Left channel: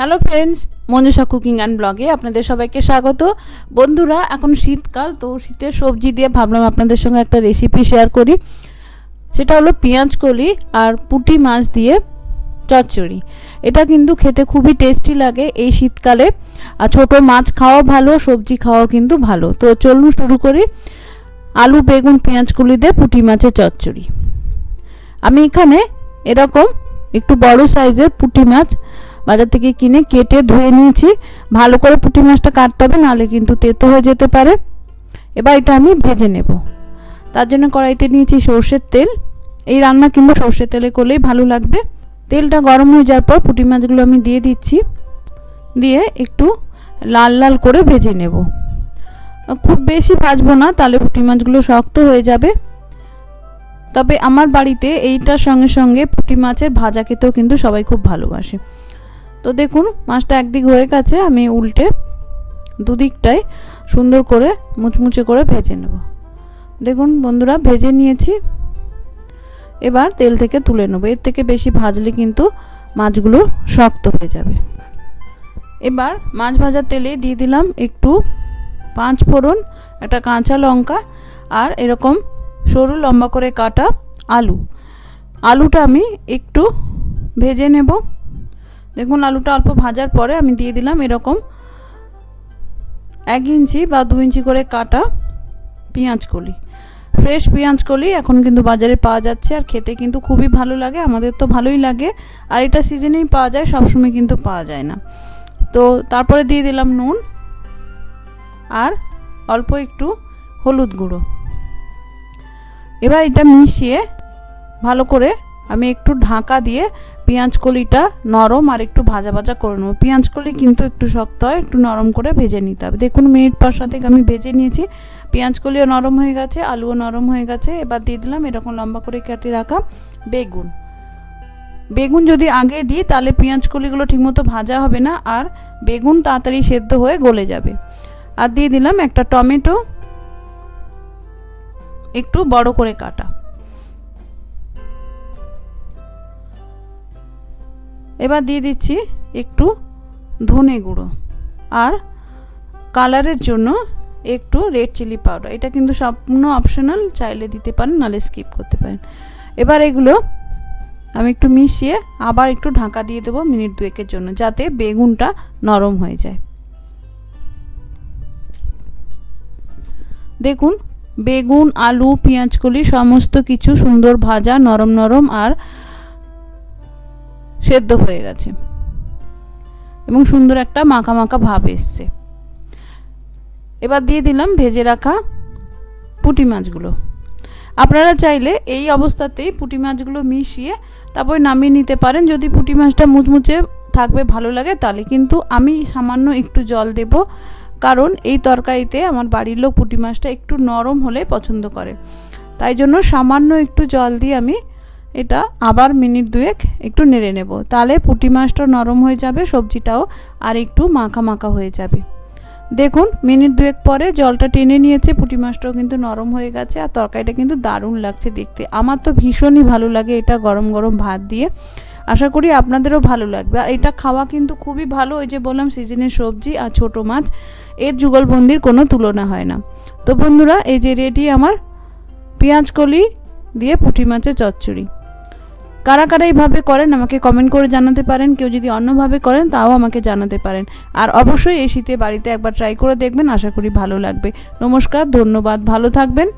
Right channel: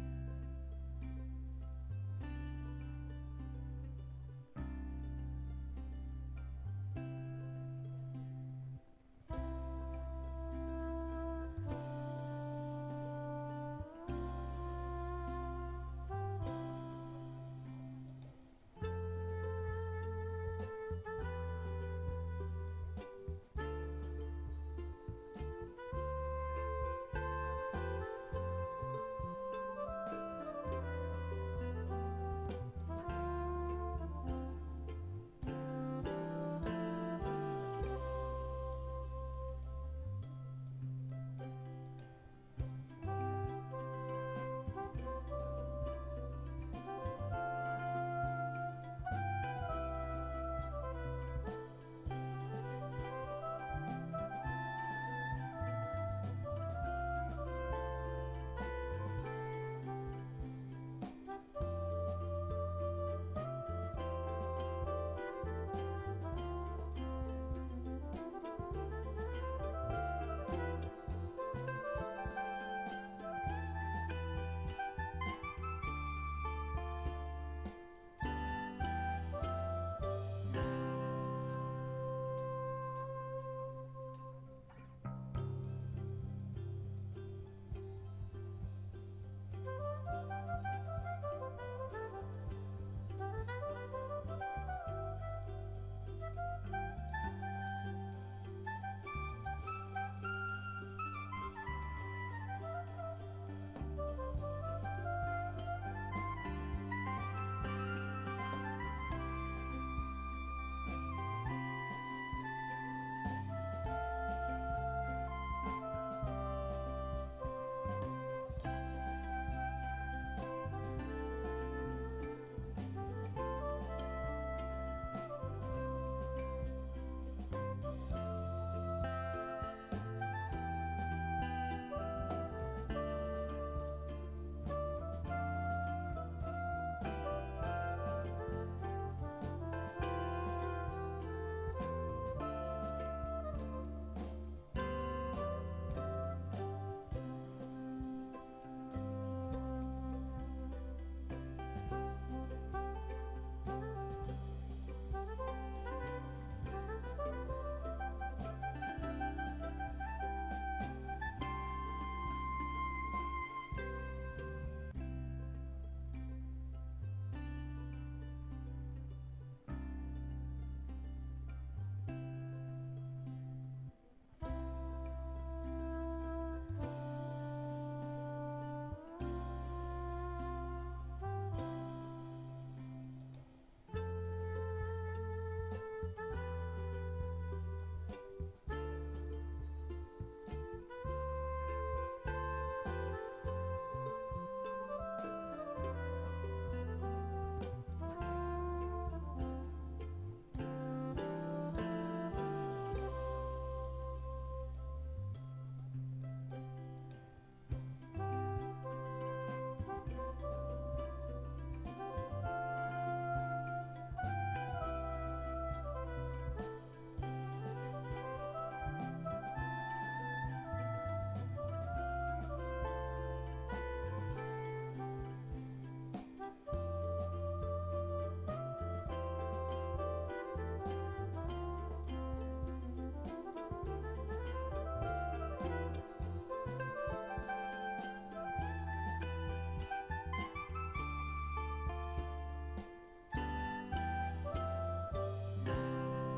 Hello friends, Manjusha cooking and ব্লগে আপনাদের সবাইকে স্বাগত। বন্ধুরা, এখন শীতকাল, তো শীতের সবজি দিয়ে ভাবলাম আপনাদের সঙ্গে একটা রেসিপি শেয়ার করি। সেটা হলো পেঁয়াজ কলি আর পুঁটি মাছ দিয়ে চচ্চড়ি। এটা কিন্তু খেতে খুবই টেস্টি লাগে এই শীতকালে। আর ছোটো মাছ খাওয়া ভালো, সবজি খাওয়াও কিন্তু ভালো। তো চলুন শুরু করি। আলু, বেগুন, পেঁয়াজ কলি দিয়ে পুঁটি মাছের চচ্চড়ি। আমি এখানে এরকম একটু বড় সাইজের পুঁটি মাছ বাজার থেকে কিনে কেটে ধুয়ে নিয়েছি। ভালো করে পুঁটি মাছটা কাটতে হবে, নাহলে কিন্তু তেতো হয়ে যেতে পারে। এবার এটা আমি ভেজে নেব। তার জন্য কড়াইতে নিয়েছি সর্ষের তেল। এই রান্না কিন্তু সর্ষের তেলে করলেই ভালো লাগবে। তেলটা গরম হয়ে যাওয়ার পর পুঁটি মাছগুলো আমি দিয়ে দিচ্ছি। দিয়ে একটু লাল লাল করে ভেজে নেব। খুব বেশি ভাজবো না, তাহলে পুঁটি মাছগুলো শক্ত হয়ে যাবে। তবে আমার বাড়িতে এইটার সঙ্গে সঙ্গে পুঁটি মাছের ভাজা খেতেও কিন্তু সবাই খুব ভালোবাসে। তো দেখুন, মাছটা একদিক হয়ে গেছে, আমি উল্টে দুদিকটাই সুন্দর করে মুচমুচে করে ভেজে নেব। দেখুন বন্ধুরা, ভেজে নিয়েছি। এবার তেল থেকে তুলে নেব। এর থেকে বেশি ভাজলে কিন্তু মাছগুলো শক্ত হয়ে যাবে। এবার মাছ ভাজার তেলে দিয়ে দিলাম একটু 5 ফোড়ন, একটা কাঁচা লঙ্কা আর এরকম সরু লম্বা করে কাটা আলু। আলুটা আমি একটু ভেজে নেব। দেখুন, আলুটা অল্প ভাজার পরে আমি দিয়ে দিলাম এরকম 1 ইঞ্চি বা 2 ইঞ্চি করে কাটা পেঁয়াজ কলি। ফ্রেশ পেঁয়াজ কলি এখন কিন্তু বাজারে পাওয়া যাচ্ছে, আর খেতে কিন্তু খুবই ভালো লাগে। আমাদের তো ভালোই লাগে, আর এটা সিজনেই পাওয়া যায়, সবসময় কিন্তু পাওয়া যায় না। তো তারপরে দিয়ে দিলাম নুন আর অল্প একটু হলুদ গুঁড়ো। এবার এটা মিশিয়ে ভালো করে আমি একটু ঢাকা দিয়ে পেঁয়াজ কলিটা নরম আর একটু ভাজা ভাজা করে নেব। পেঁয়াজ কলি কিন্তু একটু শক্ত হয়, একটু নরম করে ভেজে নিতে হবে। দেখুন, মিনিট 5-7 আমি ভেজে নিয়েছি। পেঁয়াজ কলিও নরম হয়ে গেছে, আলুও নরম হয়ে গেছে। এবার দিয়ে দিলাম এরকম লম্বা করে কেটে রাখা বেগুন। বেগুন যদি আগে দিই তাহলে পেঁয়াজ কলিগুলো ঠিকমতো ভাজা হবে না, আর বেগুন তাড়াতাড়ি সেদ্ধ হয়ে গলে যাবে। আর দিয়ে দিলাম একটা টমেটো, একটু বড় করে কাটা। এবার দিয়ে দিচ্ছি একটু ধনে গুঁড়ো আর কালারের জন্য একটু রেড চিলি পাউডার। এটা কিন্তু সম্পূর্ণ অপশনাল, চাইলে দিতে পারেন, নাহলে স্কিপ করতে পারেন। এবার এগুলো আমি একটু মিশিয়ে আবার একটু ঢাকা দিয়ে দেবো মিনিট 2-এর জন্য, যাতে বেগুনটা নরম হয়ে যায়। দেখুন, বেগুন, আলু, পেঁয়াজ কলি সমস্ত কিছু সুন্দর ভাজা, নরম নরম আর সেদ্ধ হয়ে গেছে এবং সুন্দর একটা মাখা মাখা ভাব এসছে। এবার দিয়ে দিলাম ভেজে রাখা পুঁটি মাছগুলো। আপনারা চাইলে এই অবস্থাতেই পুঁটি মাছগুলো মিশিয়ে তারপর নামিয়ে নিতে পারেন, যদি পুঁটি মাছটা মুচমুচে থাকবে ভালো লাগে তাহলে। কিন্তু আমি সামান্য একটু জল দেব, কারণ এই তরকারিতে আমার বাড়ির লোক পুঁটি মাছটা একটু নরম হলে পছন্দ করে। তাই জন্য সামান্য একটু জল দিয়ে আমি এটা আবার মিনিট 2 একটু নেড়ে নেব। তাহলে পুঁটি মাছটা নরম হয়ে যাবে, সবজিটাও আর একটু মাখা মাখা হয়ে যাবে। দেখুন, মিনিট 2 পরে জলটা টেনে নিয়েছে, পুঁটি মাছটাও কিন্তু নরম হয়ে গেছে, আর তরকারিটা কিন্তু দারুণ লাগছে দেখতে। আমার তো ভীষণই ভালো লাগে এটা গরম গরম ভাত দিয়ে। আশা করি আপনাদেরও ভালো লাগবে। আর এটা খাওয়া কিন্তু খুবই ভালো। ওই যে বললাম, সিজনের সবজি আর ছোট মাছ, এর যুগলবন্দির কোনো তুলনা হয় না। তো বন্ধুরা, এই যে রেডি আমার পেঁয়াজ কলি দিয়ে পুঁটি মাছের চচ্চড়ি। কারা কারা এইভাবে করেন আমাকে কমেন্ট করে জানাতে পারেন। কেউ যদি অন্যভাবে করেন তাও আমাকে জানাতে পারেন। আর অবশ্যই এই শীতে বাড়িতে একবার ট্রাই করে দেখবেন, আশা করি ভালো লাগবে। নমস্কার, ধন্যবাদ, ভালো থাকবেন।